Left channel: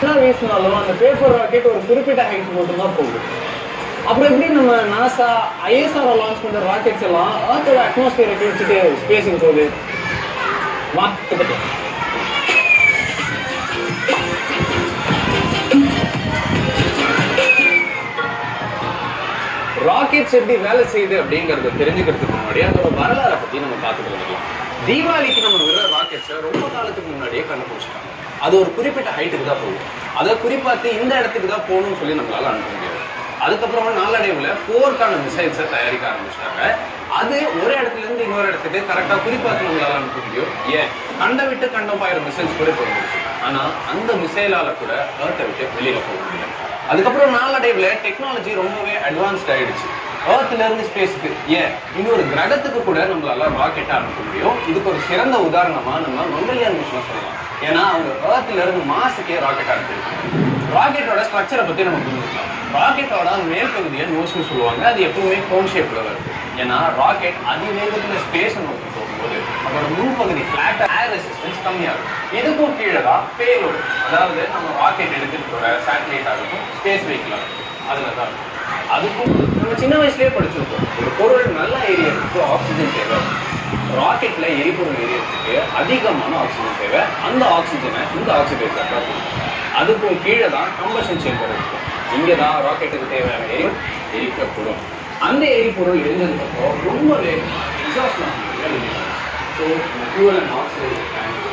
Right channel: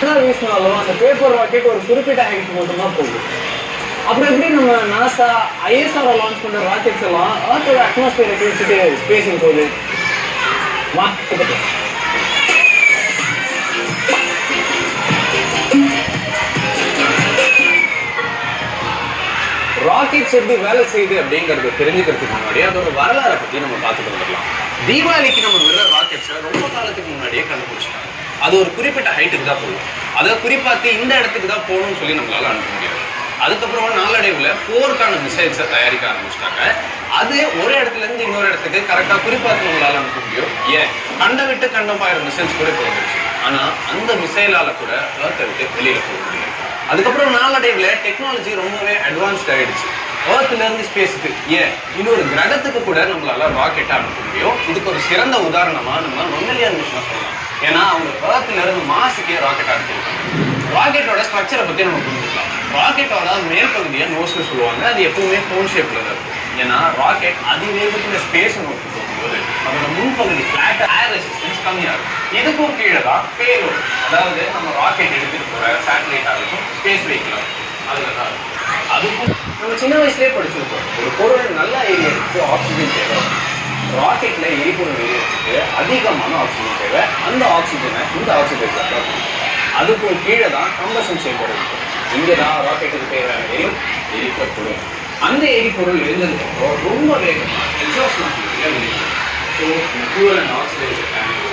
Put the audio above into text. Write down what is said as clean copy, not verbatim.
வீசினாலும் அந்த paper rocket ஒரு குறிப்பிட்ட ஹைட் மட்டும்தான் போகுது. அப்புறம் எப்படி நம்ம நாசா ஐஎஸ்ஆர் லான்ச் பண்ற ராக்கெட்ஸ் எல்லாம் அர்த்தோட அட்மாஸ்பியரை கிழிச்சிட்டு ஸ்பேஸுக்கு போகுது? ராக்கெட்ஸ் எப்படி வேலை செய்யுது அப்படிங்கறது தெரிஞ்சுக்கிறதுக்கு முன்னாடி அதோட வரலாறை பத்தி நம்ம பார்த்துட்டு வந்துடலாம். தீபாவளிக்கு நம்ம விடுற ராக்கெட்ஸை ரொம்ப காலத்துக்கு முன்னாடியே கண்டுபிடிச்சிட்டாங்க. அது ஒரு குறிப்பிட்ட ஹைட்டுக்கு தான் போகும். அதை குறிப்பாத்து இந்த இடத்துக்கு தான் போகணும்னு சொல்லி நம்மளால அனுப்ப முடியாது. அதுக்கப்புறம் நாளடைவுல போருக்கான மிசைல்ஸை தயாரிக்க ஆரம்பிச்சிட்டாங்க. அது ஒரு இடத்துல இருந்து இன்னொரு இடத்துக்கு கரெக்டா குறிப்பாத்து நம்மளால அனுப்ப முடியும். ஏன் கண்ட விட்டு கண்டம் பாயிர மிசைல்ஸ் கூட போயிடுச்சு. ஆனா அந்த மிசைலால கூட ஏர்த்தை விட்டு வெளியில போக முடியும். அதுக்கப்புறம் நாளடைவுல டெக்னாலஜி ரொம்பவே அட்வான்ஸ்ட் ஆயிடுச்சு. ஏர்த்ல இருந்து ஸ்பேஸுக்கு ஏன் இன்னொரு கிரகத்துக்கு கூட நம்மளால ராக்கெட்டா அனுப்ப முடியும். இதுக்கு ஒரு சிறந்த உதாரணமா நம்ம மம்மலியன் மிஷனை சொல்லலாம். ஏன்னா அவங்க ஏர்த்ல இருந்து மாசுக்கே ராக்கெட் அனுப்பியிருக்காங்க. ராக்கெட்டோட ஸ்ட்ரக்சரை பத்தி நம்ம புரிஞ்சுக்கலாம். ராக்கெட்டோட மேல் பகுதியை நோஸ்னு சொல்லுவாங்க. அது எப்பவுமே கோன் ஷேப்ல தான் இருக்கும். ஏன்னா ராக்கெட் அதிவேகத்துல ஸ்பேஸை நோக்கி போகும்போது அதோட முன்பகுதி ஃபிளாட் ஏர் ரெசிஸ்டன்ஸ் கம்மியாகும். இதுக்கும் கீழே தான் பேலோட், அதாவது நம்ம ராக்கெட் எடுத்துட்டு போற சேட்டலைட் ஆகட்டும், ஸ்பேஸ் வெஹிக்கிள் அதுல தான் இருக்கும். அதுக்கும் நம்ம சின்ன வயசுலேயே படிச்சிருக்கோம், ஒரு பொருள் நல்லா எரியறதுக்கு ஆக்சிஜன் தேவை. ராக்கெட்ல எரிபொருள் எரியறதுக்கு அதிகமான ஆக்சிஜன் தேவை. அந்த ஆக்சிஜனை இந்த ஆக்சிஜன் தான் அதுக்கும் கீழே தான் கம்பஷன் சேம்பர் இருக்கும். இங்கே தான் ராக்கெட்டுக்கு தேவையான எரிக்கப்படும். அந்த எரிபொருள் எரிஞ்சதுக்கப்புறம் ரொம்ப வேகமாக எக்ஸாஸ்ட் மாட்டீங்க. So fuel and oxidiser tank